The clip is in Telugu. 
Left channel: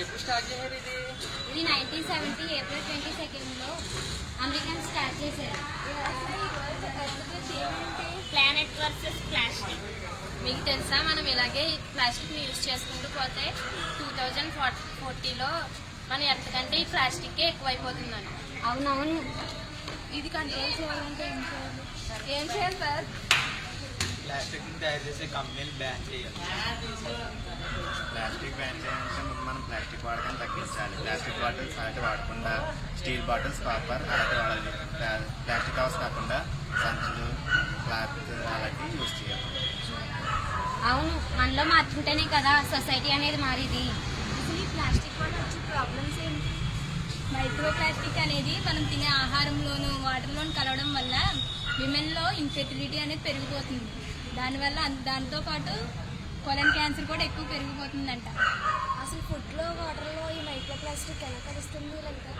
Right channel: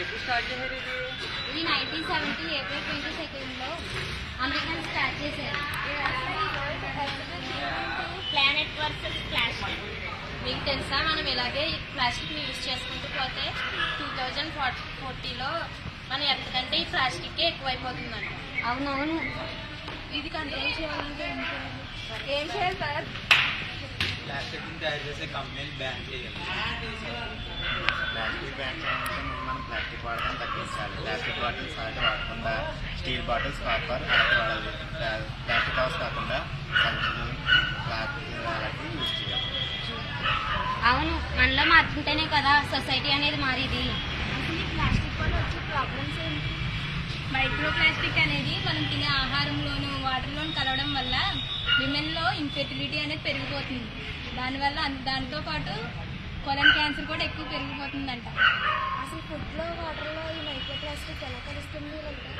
ఎప్పుడు స్టార్ట్ చేశారు ఇది 1970 ఏప్రిల్ 22 అమెరికన్ స్టార్ట్ చేశారు. Planet versus plastic. మీకు తెలుసా, మనం ఇలాగే ప్లాస్టిక్ని యూజ్ చేసుకుంటూ పోతే 2040లో మన ఎర్త్ కంటే ఈ ప్లాస్టిక్ ఎక్కువైపోతుందంట. అవునవును. ఇది కంట్రోల్ చేయాలంటే ఏం చేయాలి సార్? ప్లాస్టిక్ తయారు చేసే కంపెనీని బ్యాన్ చేయాలి. ప్లాస్టిక్ బ్యాన్ చేయాలంటే ముందు మనం ప్లాస్టిక్ వాడకం తగ్గించాలి. ప్లాస్టిక్ బాటిల్స్ అలాగే వాడకుండా స్టీల్ బాటిల్స్, కాపర్ అలాగే వాడాలి. ప్లాస్టిక్ కవర్స్ కాకుండా సంచులు, క్లాత్ అలాగే యూజ్ చేయాలి. అవును, మనలో మార్చుంటేనే కదా సొసైటీ అనేది మారేది. అసలు ఈ ప్లాస్టిక్ వల్ల వచ్చే ప్రాబ్లమ్స్ ఏంటి? మైక్రో ప్లాస్టిక్ అనేది మనం తినే ఆహారంలోను వాటర్లోను కలవడం వల్ల విమెన్లో ఇన్ఫెర్టిలిటీ అనేది పెరిగిపోతుంది. దానివల్ల దాంతో పాటు కొలన్ క్యాన్సర్ కూడా ఎక్కువ పెరిగిపోతుందంట. అసలు ఫుడ్లో వాటర్లో ఈ మైక్రో ప్లాస్టిక్ ఎలా కలుస్తుంది అంటే